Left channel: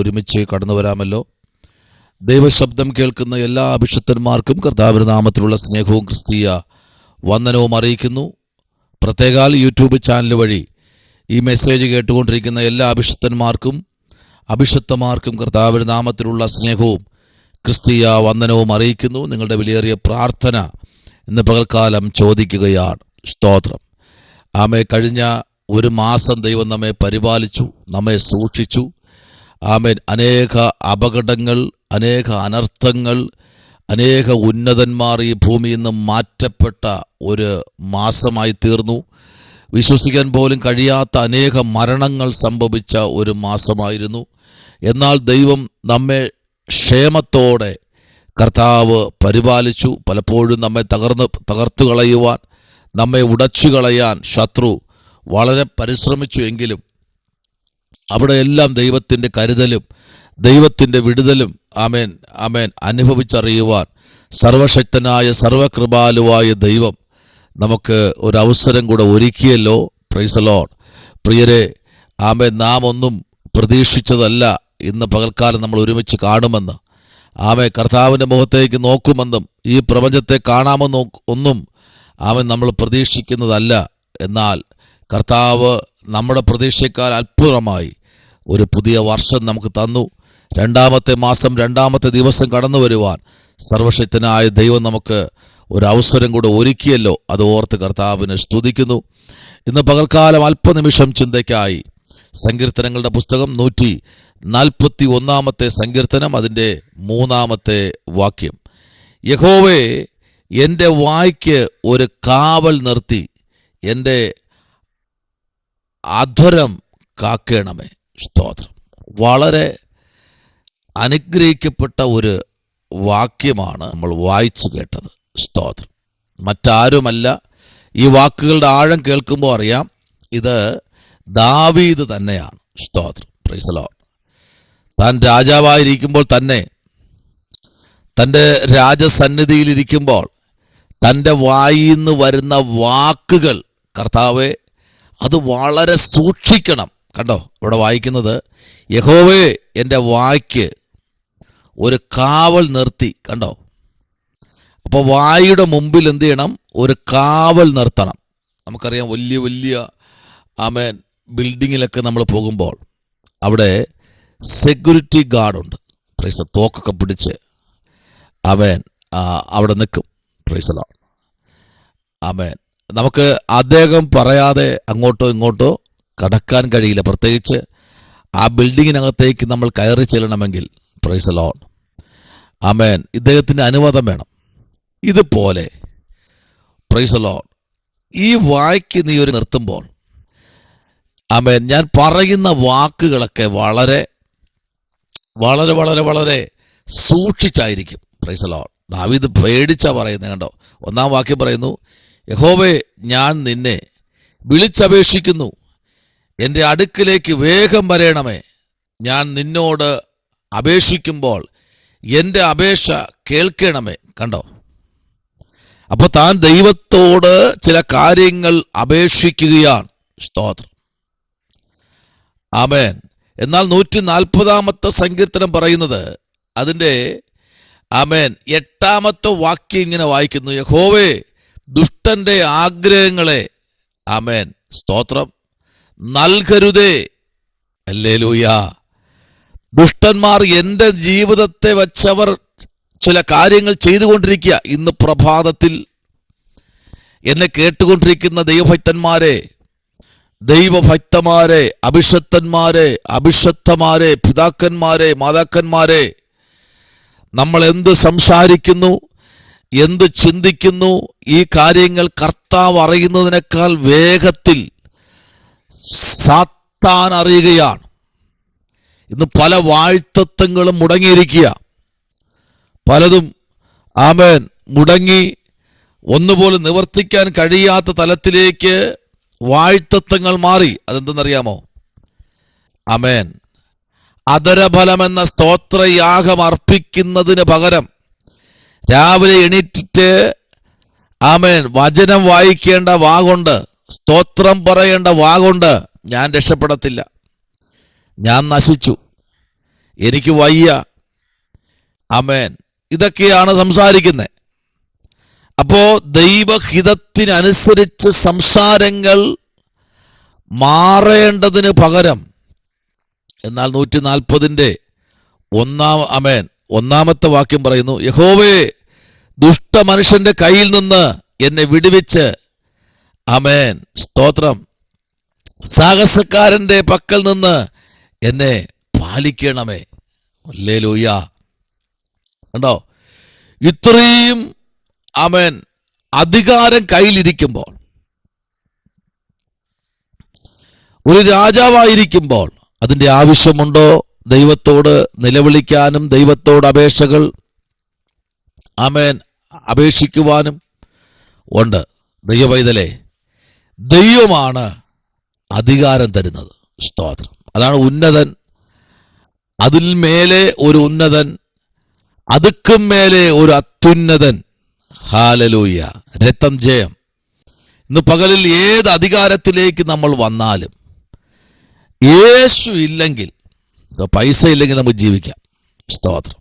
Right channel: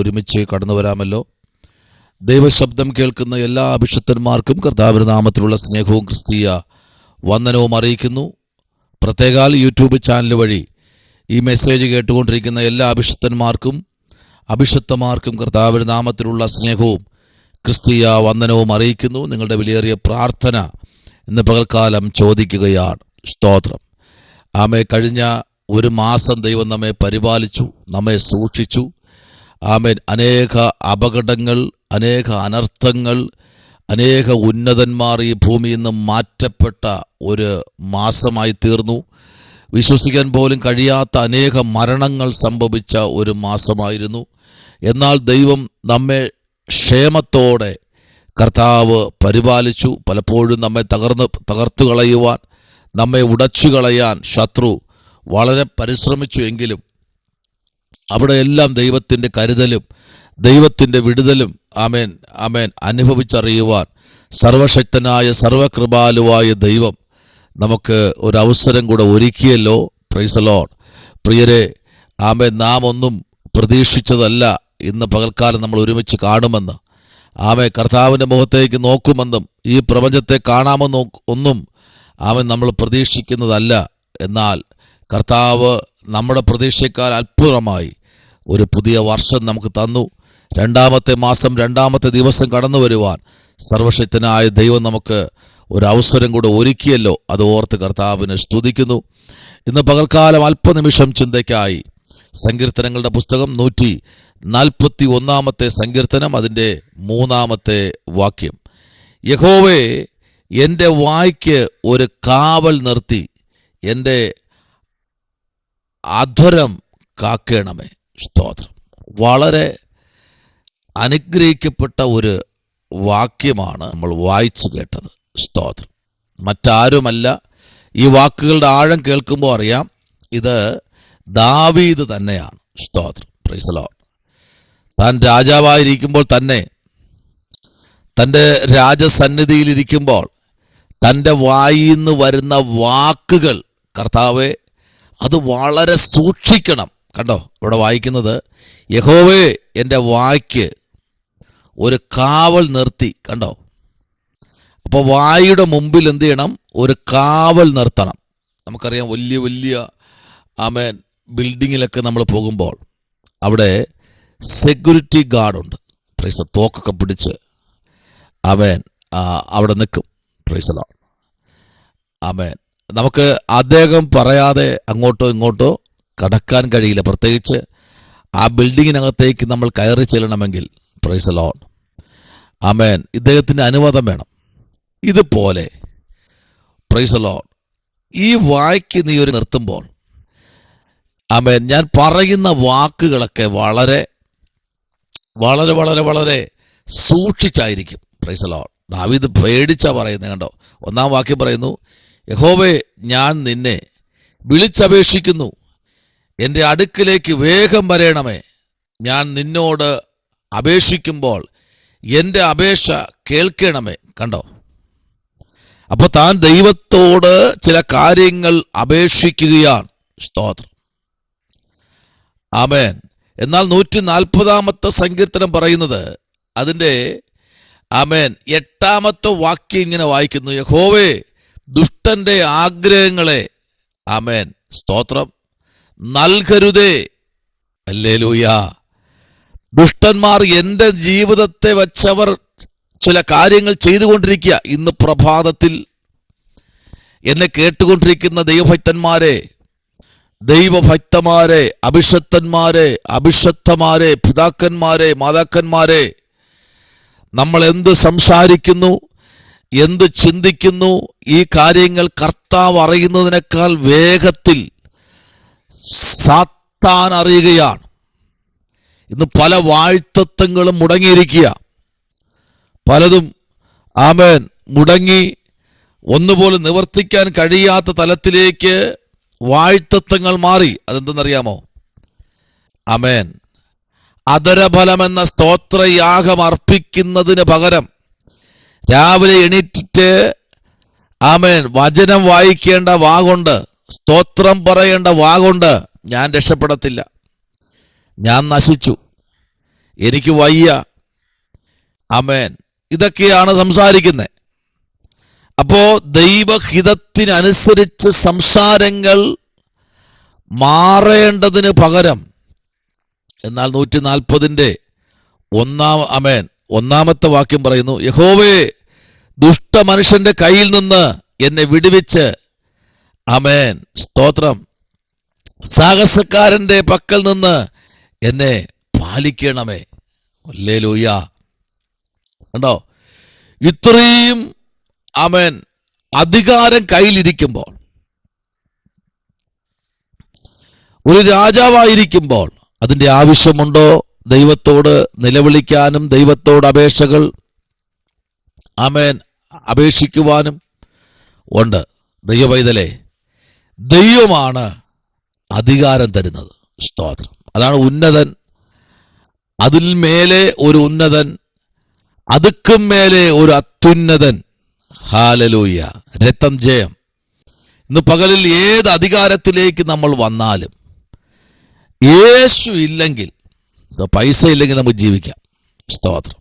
ഒരുമിച്ച് കടന്നു വരാമല്ലോ. ദൈവശബ്ദം കേൾക്കുന്ന എല്ലാ അഭിഷിക്തന്മാർക്കും കർത്താവിന്റെ നാമത്തിലുള്ള സ്നേഹവും ക്രിസ്തീയ വന്ദനവും അറിയിക്കുന്നു. പ്രത്യേകാൽ യൂട്യൂബ് ചാനൽ വഴി ഈ മെസ്സേജ് കേട്ടുകൊണ്ടിരിക്കുന്ന എല്ലാ അഭിഷിക്തന്മാർക്കും കർത്താവിന്റെ നാമത്തിലുള്ള സ്നേഹവും ക്രിസ്തീയ വന്ദനവും അറിയിക്കുന്നു. നിങ്ങളുടെ വിലയേറിയ പ്രാർത്ഥന ഇന്ന് പകൽക്കാലം ചോദിക്കുകയാണ്. സ്തോത്രം. ആമേ. കഴിഞ്ഞ ഒരു മാസം ദൈവം നമ്മെ പരിപാലിച്ചു, നമ്മെ സൂക്ഷിച്ചു. ആമേൻ. അനേക അപകടങ്ങൾ, അനേക അനർത്ഥങ്ങൾ, അനേക ഉന്നതന്മാർ ഈ ഭൂമിയിൽ നിന്ന് മാറ്റപ്പെട്ട ഒരു മാസമായി തീർന്നു. വിശ്വസിക്കാൻ പോലും കഴിയാത്ത അനേക മരണങ്ങൾ സംഭവിച്ച ഒരു മാസമായിരുന്നു. എന്നാൽ ദൈവം നമ്മെ ക്ഷേമത്തോടെ കർത്താവ് പരിപാലിച്ചു. പലപ്പോഴും നമ്മെ തകർത്തു കളയുവാൻ, നമ്മെ ഉടച്ചു കളയാൻ ശത്രു വളരെ പരിശ്രമിച്ചു. എങ്കിലും അവിടെയെല്ലാം ദൈവത്തിൻ്റെ കരുതലും ദൈവത്തിൻ്റെ വിടുതലും ആമേൻ ആമേൻ അനുഭവിച്ചറിയുവാൻ സർവശക്തനായ സർവകൃപാലുവായ ദൈവം നമുക്ക് ഒരവസരം കൂടെ ഒരുക്കിയല്ലോ. Price the Lord. പ്രിയരെ, ആമേൻ. നാം ഒന്നും പ്രതീക്ഷിച്ചതല്ല ഇന്ന് പകൽക്കാലം നമ്മൾ ഒരുമിച്ച് കാണുമെന്ന്. ആമേൻ. കർത്താവിൻ്റെ മുഖത്തേക്ക് നോക്കുമെന്നും ഈ പ്രപഞ്ചത്തെ കാണാമെന്നും ഒന്നും ആമേൻ നമ്മൾ പ്രതീക്ഷിക്കുന്നതല്ല. എന്നാൽ കർത്താവ് നമ്മുടെ പ്രതീക്ഷയേക്കാൾ അത്ഭുതമായി ഒരു പുതിയ വർഷം നമുക്ക് തന്നു. രണ്ടാമത്തെ മാസം, രണ്ടാമത്തെ ദിവസം കടന്നു വരുവാൻ സർവശക്തനായ ദൈവം നമുക്ക് ഒരു അവസരം കൂടെ ഒരുക്കിയല്ലോ. അത് ഓർത്ത് കർത്താവിനെ സ്തുതിക്കുന്നു. ഇന്ന് പകൽക്കാലം അല്പനിമിഷം ചിന്തയ്ക്കായി സങ്കീർത്തനങ്ങളുടെ പുസ്തകം 141 സങ്കീർത്തനം, അതിൻ്റെ 3 വാക്യം. യഹോവേ, എൻ്റെ വായ്ക്ക് ഒരു കാവൽ നിർത്തി എൻ്റെ അധരം കാക്കേണമേ. സ്തോത്രം. വളരെ അനുഗ്രഹിക്കപ്പെട്ട ഒരു വാക്യമാണ് നമ്മൾ വായിച്ചു കേട്ടത്. സ്തോത്രം. മറ്റാരുമല്ല. ഈ വാക്കുകളുടെ ആഴം കേൾക്കുമ്പോൾ അറിയാം, ഇത് ദാവീദ് തന്നെയാണ്. സ്തോത്രം. Price the Lord. താൻ രാജാവായിരിക്കുമ്പോൾ തന്നെ, തൻ്റെ രാജസന്നിധിയിലിരിക്കുമ്പോൾ തൻ്റെ വായിൽ നിന്ന് വരുന്ന വാക്കുകൾ, കർത്താവെ, അത് വളരെ സൂക്ഷിക്കണം. കണ്ടോ, ഇവിടെ വായിക്കുന്നത്, യഹോവേ, എൻ്റെ വായ്ക്ക് ഒരു കാവൽ നിർത്തി. കണ്ടോ, അപ്പോൾ വായുടെ മുമ്പിൽ എന്ത് ചെയ്യണം? ഒരു കാവൽ നിർത്തണം. നമുക്കറിയാം, വലിയ വലിയ ആമേൻ ബിൽഡിങ്ങിലൊക്കെ നമ്മൾ പോകുമ്പോൾ അവിടെ സെക്യൂരിറ്റി ഗാർഡുണ്ട്. പ്രൈസ്. തോക്കൊക്കെ പിടിച്ച് ആമേൻ അവിടെ നിൽക്കും. Praise the lord. ആമേൻ. നമുക്ക് അദ്ദേഹം പറയാതെ അങ്ങോട്ടോ ഇങ്ങോട്ടോ കടക്കാൻ കഴിയില്ല. പ്രത്യേകിച്ച് ആ ബിൽഡിങ്ങിനകത്തേക്ക് നമ്മൾ കയറി ചെല്ലണമെങ്കിൽ. Praise the lord. ആമേൻ. ഇദ്ദേഹത്തിൻ്റെ അനുവാദം വേണം. ഇതുപോലെ പ്രൈസ് ദി ലോർഡ്, ഈ വായ്ക്ക് നീ ഒരു നിർത്തുമ്പോൾ, ആമേൻ, ഞാൻ പറയുന്ന വാക്കുകളൊക്കെ വളരെ വളരെ വളരെ വളരെ സൂക്ഷിച്ചായിരിക്കും. Price the Lord. ദാവീദ് പേടിച്ചാ പറയുന്നത്. കണ്ടോ, 1 വാക്യം പറയുന്നു, യഹോവേ, ഞാൻ നിന്നെ വിളിച്ചപേക്ഷിക്കുന്നു, എൻ്റെ അടുക്കിലേക്ക് വേഗം വരേണമേ. ഞാൻ നിന്നോട് അപേക്ഷിക്കുമ്പോൾ എൻ്റെ അപേക്ഷ കേൾക്കണമേ. കണ്ടോ, അപ്പൊ താൻ ദൈവത്തോട് ചില കാര്യങ്ങൾ അപേക്ഷിക്കുകയാണ്. സ്തോത്രം. ആമേൻ. എന്നാൽ 140 സങ്കീർത്തനം പറയുന്നത്, അതിൻ്റെ ആമേൻ 8 വാക്യം ഇങ്ങനെ വായിക്കുന്നു, യഹോവേ, ദുഷ്ടന്റെ ആഗ്രഹങ്ങളെ ആമേൻ സ്തോത്രം നൽകരുതേ. ഹല്ലേലൂയ. ദുഷ്ടന്മാർ എൻ്റെ ജീവിതത്തെ വച്ചവർ ചില കാര്യങ്ങൾ ചെയ്തുകൊണ്ടിരിക്കുക. ഇന്ന് പ്രഭാതത്തിൽ എന്നെ കേട്ടുകൊണ്ടിരിക്കുന്ന ദൈവഭക്തന്മാരെ, അഭിഷക്തന്മാരെ, പിതാക്കന്മാരെ, മാതാക്കന്മാരെ, നമ്മൾ എന്ത് സംസാരിക്കുന്നു, എന്ത് ചിന്തിക്കുന്നു, ഈ കാര്യങ്ങൾ കർത്താവ് അറിയുന്നതിനേക്കാൾ വേഗത്തിൽ സാത്താൻ അറിയുകയാണ്. ഇന്ന് പല വാഴ്ത്തത്വങ്ങളും മുടങ്ങിയിരിക്കുക. പലതും ആമേൻ മുടങ്ങി ഒന്നുപോലും നിവർത്തിക്കാൻ കഴിയാത്ത തലത്തിലേക്ക് വാഴ്ത്തത്വങ്ങൾ മാറി. അതെന്തെന്നറിയാമോ? ആമേൻ. അധരഫലമെന്ന സ്തോത്രയാഗം അർപ്പിക്കുന്നതിന് പകരം രാവിലെ എണീറ്റിട്ട് ആമേൻ വചനം വായിക്കേണ്ട വാഗുണ്ട്, സ്തോത്രം പറയേണ്ട വാഗുണ്ട്, ഞാൻ രക്ഷപ്പെടത്തില്ല, ഞാൻ നശിച്ചു, എനിക്ക് വയ്യ. ആമേൻ. ഇതൊക്കെയാണ് സംസാരിക്കുന്നത്. അപ്പോ ദൈവഹിതത്തിനനുസരിച്ച് സംസാരങ്ങൾ മാറേണ്ടതിന് പകരം, എന്നാൽ 140 ഒന്നാമത്തെ വാക്യം പറയുന്നു, യഹോവേ ദുഷ്ട മനുഷ്യന്റെ കയ്യിൽ നിന്ന് എന്നെ വിടുവിച്ച്, ആമേൻ, സ്തോത്രം, സാഹസക്കാരന്റെ പക്കൽ നിന്ന് എന്നെ പാലിക്കണമേ. ഹല്ലേലൂയ. കണ്ടോ, ഇത്രയും ആമേൻ അധികാരം കയ്യിലിരിക്കുമ്പോൾ, ഒരു രാജാവായിരിക്കുമ്പോൾ അതിന്റെ ആവശ്യമുണ്ടോ? ദൈവത്തോട് നിലവിളിക്കാനും ദൈവത്തോട് അപേക്ഷകൾ ആമേൻ അപേക്ഷിക്കുവാനും ഉണ്ട്. ദൈവപൈതലേ, ദൈവമാണ് അധികാരം തരുന്നത്. സ്തോത്രം. അതാണ് ഉന്നതൻ, അതിൽ മേലെ ഒരു ഉന്നതൻ, അതുക്കും മേലെ ഒരു അത്യുന്നതൻ. ഹല്ലേലൂയ. രക്തം ജയം. ഇന്ന് പകലിൽ ഏത് അധികാരത്തിലേക്ക് നമ്മൾ വന്നാലും യേശു ഇല്ലെങ്കിൽ, പൈസ ഇല്ലെങ്കിൽ നമുക്ക് ജീവിക്കാം. സ്തോത്രം.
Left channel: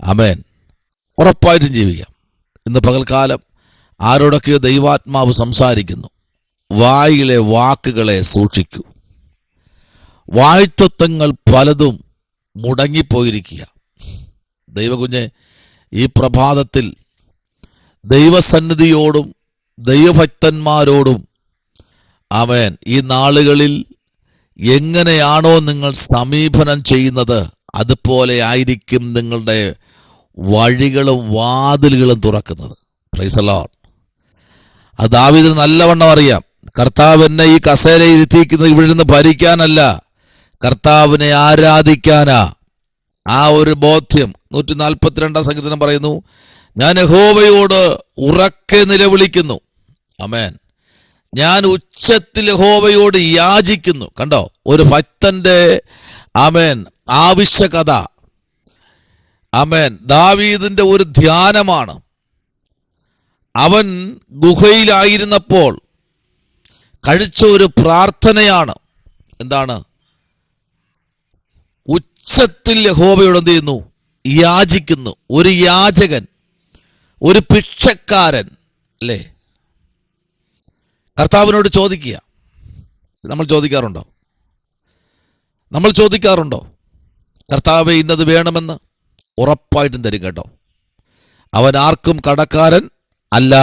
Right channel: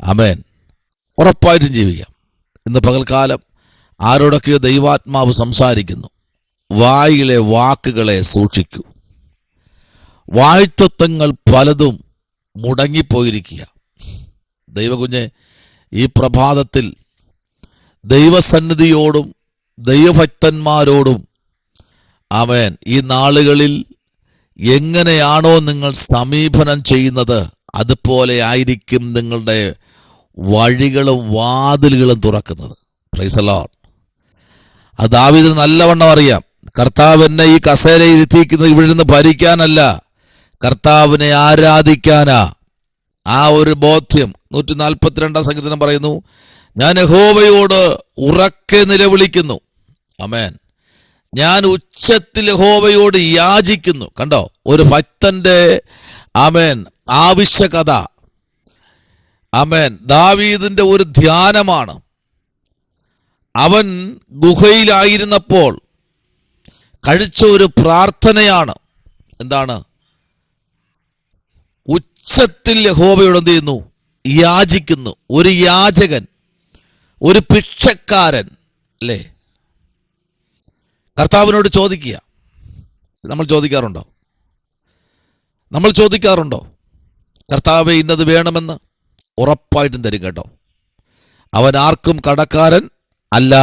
ആമേൻ. ഉറപ്പായിട്ടും ജീവിക്കാം. ഇന്ന് പകൽക്കാലം ആരോടൊക്കെയോ ദൈവാത്മാവ് സംസാരിക്കുന്നു. വായിലെ വാക്കുകളെ സൂക്ഷിക്കൂ. വാഴ്ത്തത്വങ്ങൾ പലതും മുടങ്ങിപ്പോയിരിക്കുക. ദൈവകുഞ്ഞെ, ഈ പ്രഭാതത്തിൽ ദൈവസന്നിധിയോടും ദൈവഭക്തന്മാരോടും ആമേൻ ഈ നാളുകളിൽ എങ്ങനെയാണോ നിങ്ങൾ സമീപനം ചെയ്യുന്നത്, അതുപോലെ ആയിരിക്കും നിങ്ങളുടെ വഴികളും വാതിലുകളും തുറക്കുന്നത്. Price the Lord. അത് ദാവീദിന് നല്ലവണ്ണം അറിയാം. കർത്താവ് എന്നെ ഈ കസേരയിൽ ഇരുത്തിയിരിക്കുന്നത് ഇവിടെ നിന്ന് ഭരിക്കാനല്ല, കർത്താവിനെ ആരാധിക്കാനാ. ആ ഒരു ബോധ്യം 142 സങ്കീർത്തനം പറയുന്നു, ഞാൻ യഹോവയോട് ഉറക്കെ നിലവിളിക്കുന്നു. ആമേൻ. ഞാൻ ഉച്ചത്തിൽ യഹോവയോട് യാചിക്കുന്നു. കണ്ടോ, ഒരു ഭക്തന്റെ ആമേൻ ആവശ്യകത. ആമേൻ. ദാവീദിന്റെ ഒരു ധ്യാനമാണ്. അവൻ ഗുഹയിലായിരുന്നപ്പോൾ കഴിച്ച ഒരു പ്രാർത്ഥനയാണ്. എന്താണ്? ഉച്ചത്തിൽ യഹോവയോട് എന്ത് ചെയ്യുന്നു? യാചിക്കുന്നു. ഒരു യാചകൻ, ഒരു ഭിക്ഷക്കാരൻ അല്ലേ, കർത്താവിനോട് ചോദിക്കുക. നമ്മൾ ചോദിക്കാറുണ്ടോ? കർത്താവേ ഇന്നത് വേണമെന്ന്? ഉറപ്പായിട്ടും തരും കേട്ടോ. അവൻ ആർക്കും കടക്കാരൻ അല്ല.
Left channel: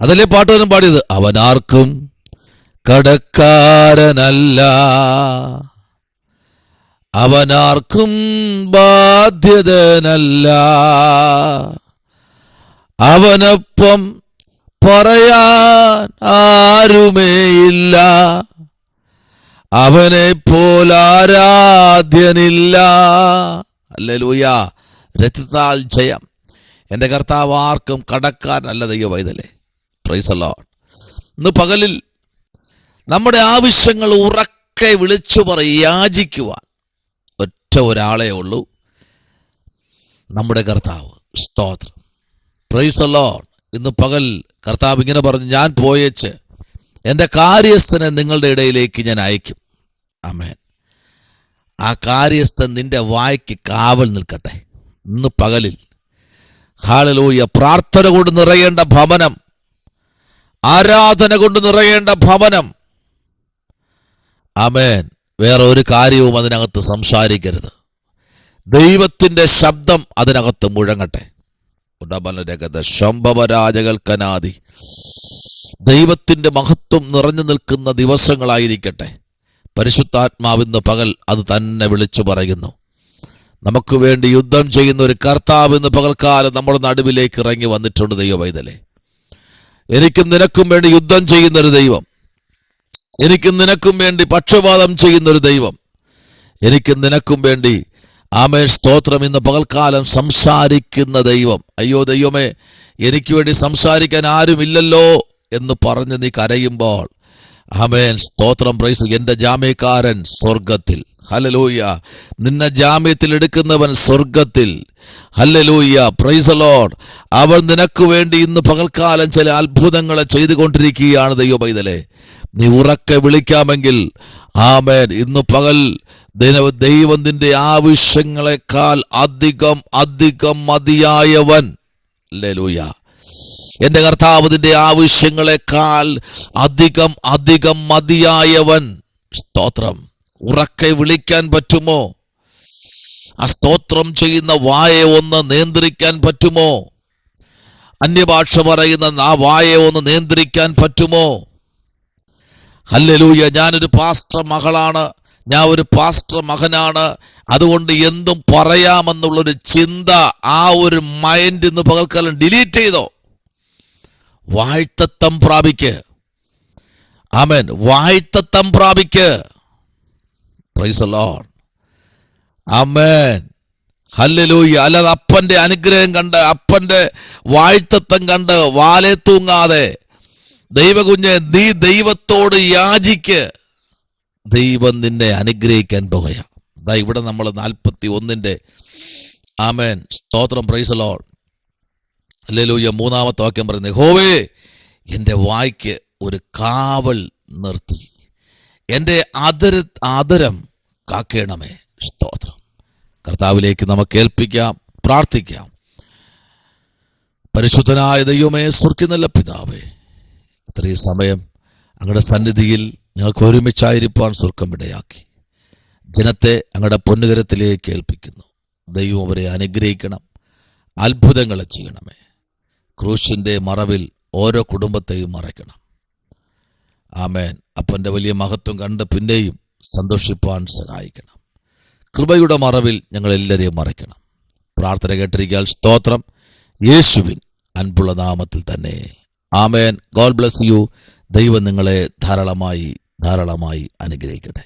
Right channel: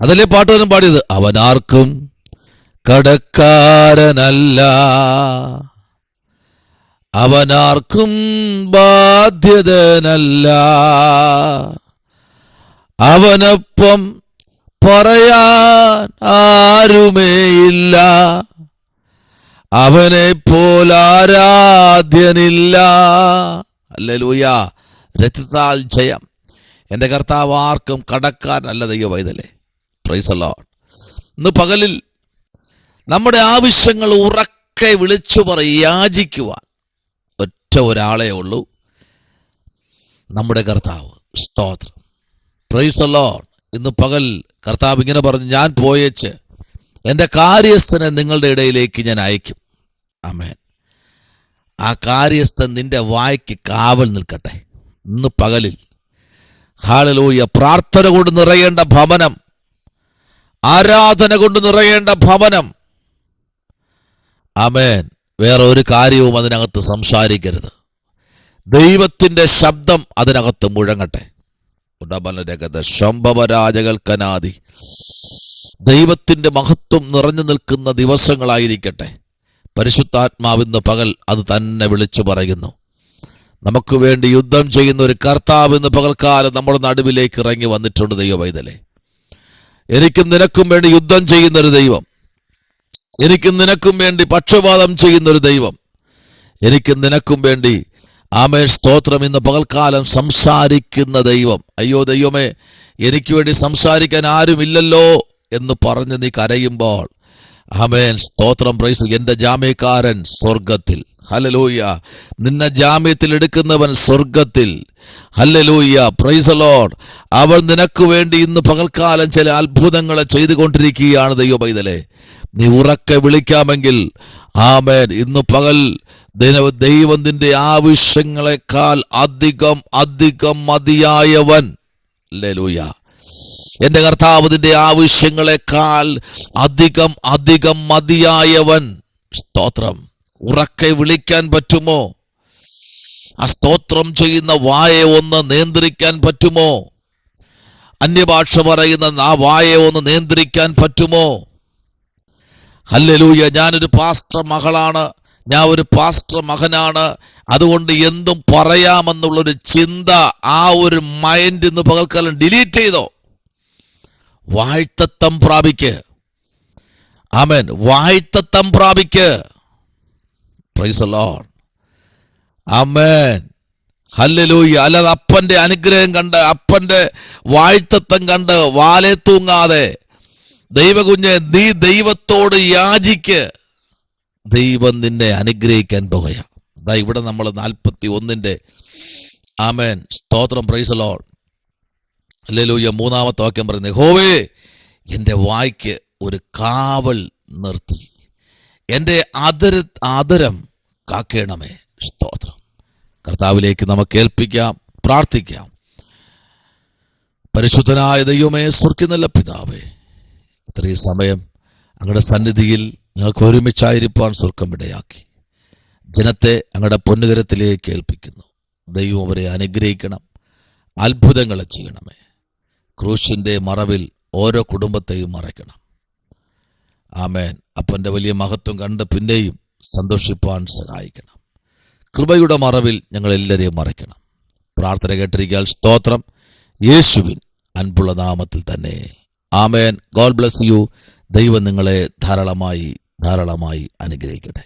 അതല്ലേ പാട്ടുകാരൻ പാടിയത്? അവൻ ആർക്കും കടക്കാരനല്ല, അവനാർക്കും ബാധ്യതനല്ല, അവനൊപ്പം പറയാൻ ആരുമേയില്ല, അവനെ പോലാരാധ്യനില്ല. ഹല്ലേലൂയ. രക്തത്താൽ ജയം. എൻ്റെ കർത്താവ് ആർക്കും കടക്കാരനല്ല. ദൈവവൈതലേ, പ്രൈസ് ദി ലോർഡ്. ഇന്ന് പകലിൽ നമ്മുടെ ആവശ്യങ്ങൾ ഉറക്കെ വിളിച്ചു യാചിക്കുവാൻ ഒറ്റ ഒരാളെ ഉള്ളൂ, നമ്മുടെ കർത്താവ്. സ്തോത്രം. Price the Lord. ഇന്ന് പകൽ കർത്താവ് ഇങ്ങനെ പറഞ്ഞു, ഞാൻ പോയേച്ച് എൻ്റെ കാര്യസ്ഥനെ നിങ്ങളുടെ ഇടയിലേക്ക് ഞാൻ അയക്കും. ആമേൻ. ആ കാര്യസ്ഥൻ നിന്റെ വായ്ക്ക് കാവൽ നിൽക്കട്ടെ. ഇന്ന് പകലിൽ ഹല്ലേലൂയ. പ്രാർത്ഥന കൊണ്ട് നിറയേണ്ട ഭവനം, ആരാധന കൊണ്ട് നിറയേണ്ട ഭവനം. ആമേൻ. വേറെ ഒരു കാര്യവും അതിനകത്ത് സംസാരിക്കരുത്. ദൈവത്തിന്റെ ശബ്ദം അതിനകത്ത് മുഴങ്ങട്ടെ. ശംഭവരാജകൽക്കനാദി. ദൈവത്തിന്റെ മഹത്വം നിറഞ്ഞു നിൽക്കുന്ന ദിവസങ്ങളായിരിക്കട്ടെ. പരിശുദ്ധാത്മാവിന്ന് പകൽ അത് തന്നെ വിളിച്ചു പറയുന്നു. നമുക്ക് വേണ്ടി യുദ്ധം ചെയ്യുന്ന ഒരു കർത്താവ് ഇന്ന് പകൽക്കാലം നമ്മുടെ നടുവിലേക്ക് ഇറങ്ങി വന്നിട്ടുണ്ട്. ദൈവവൈതലേ, എനിക്കും നിനക്കും വേണ്ടി യുദ്ധം ചെയ്യുന്നൊരു ദൈവം, എനിക്കും നിനക്കും വേണ്ടി പക്ഷപാതം ചെയ്യുന്നൊരു ദൈവം, എനിക്കും നിനക്കും വേണ്ടി ആമേൻ സ്തോത്രം ഇന്ന് പകൽക്കാലം സംസാരിക്കുന്ന ദൈവം. അയ്യോ ദൈവമേ, എനിക്ക് വേണ്ടി സംസാരിക്കാൻ ആരുമില്ലല്ലോ എന്ന് പറഞ്ഞ് നീ കരയുമ്പോൾ, ആമേൻ സ്തോത്രം, പ്രൈസ്. എന്റെ ജാമ്യക്കാരൻ സ്വർഗത്തിൽ. ഹല്ലേലൂയ. നിന്നെ ജാമ്യത്തിൽ എടുക്കുന്നവൻ സ്വർഗത്തിൽ. ഹല്ലേലൂയ. Price the Lord. അവൻ നിനക്ക് വേണ്ടി ഇന്ന് പകൽക്കാലം ചില അത്ഭുതങ്ങളെ ചെയ്തുകൊണ്ടിരിക്കുകയാണ്. ദൈവപൈതലേ, നീ ഉറക്കെ വിളിക്കാമെങ്കിൽ ആമേൻ ഇന്ന് പകൽ ദൈവം നിന്റെ ആവശ്യങ്ങളെക്കാൾ അധികം അധികം മതിയായവൻ. ഹല്ലേലൂയ. എന്റെ കർത്താവ് നിന്റെ ആവശ്യങ്ങളെക്കാൾ അധികം അധികം മതിയായവൻ. സ്തോത്രം. ഉറക്കെ വിളിക്കാൻ പറ്റുമോ? ആ സ്തോത്രം ചെയ്യുന്ന വായെ ഒന്ന് നിയന്ത്രിക്കാൻ പറ്റുമോ? അന്യഭാഷ പറയുന്ന ആ വായെ ഒന്ന് നിയന്ത്രിക്കാൻ പറ്റുമോ? ഹല്ലേലൂയ. ഞാനൊരു പാസ്റ്റർ മകളാണ്, ഞാൻ ഒരു പാസ്റ്റർ മകനാണ്, അതുകൊണ്ട് എന്തും പറയാമെന്നുള്ളൊരു ചിന്ത, ആ ഒരു മൈൻഡ് ഇന്ന് പകൽക്കാലം ഡിലീറ്റ് ചെയ്തോ. വാഴ്ത്തത്തം പ്രാപിക്ക്. ആമേൻ. വാഴ്ത്തത്തം പ്രാപിക്ക്. Praise the lord. ആമേൻ. ഹല്ലേലൂയ. അല്ലാതെ അപ്പന്റെ അനുഗ്രഹം കണ്ട്, അപ്പന്റെ വാഴ്ത്തത്തം കണ്ട് വാലെ തൂങ്ങാതെ ദൈവകുഞ്ഞെ, നീ ദൈവത്തോട് യാചിക്ക്. ദൈവം നിന്നെ അനുഗ്രഹിക്കാൻ പോകുക. അതാ ഇവിടെ നമ്മൾ 41 ആമേൻ സ്തോത്രം. Price the Lord. ഹല്ലേലൂയ. 3-ാമത്തെ വാക്യം പറയുന്നത്, യഹോവേ എൻ്റെ വായ്ക്ക് ഒരു കാവൽ നിർത്തി, എൻ്റെ ആദരം കാക്കേണമേ. സ്തോത്രം. കർത്താവിലേക്ക് നമുക്ക് ഏൽപ്പിക്കാം, പ്രാർത്ഥിക്കാം. പരിശുദ്ധനായ ദൈവമേ, സ്വർഗ്ഗത്തിലുള്ള പിതാവേ, ഇത്രയും സമയം അങ്ങയുടെ സന്നിധിയിൽ ഞങ്ങൾക്ക് ഒരുമിച്ചായിരിക്കാൻ സ്വർഗ്ഗം ഇടയാക്കി. ജനത്തെ അങ്ങയുടെ പൊന്നുകരത്തിലേക്ക് ഏൽപ്പിക്കുന്നു. ദൈവം അവരെ അനുഗ്രഹിക്കണം, അത്ഭുതങ്ങളെ ചെയ്യണമേ. ക്രൂശിന്റെ മറവിൽ ഓരോ കുടുംബത്തെയും മറയ്ക്കണം. ആമേൻ. അപ്പന്റെ വലിയ മഹത്വം കണ്ട് പിന്നെയും സന്തോഷിപ്പാൻ സഹായിക്കണം. കൃപയുടെ മറവിൽ ഞങ്ങൾ എല്ലാവരെയും മറയ്ക്കണം. പ്രാർത്ഥന കേട്ടിരിക്കാൻ സ്തോത്രം. യേശുവിൻ അൻപുള്ള നാമത്തിൽ തന്നെ. ആമേൻ. God bless you. ദൈവം നിങ്ങളെ ധാരാളമായി അനുഗ്രഹിക്കട്ടെ.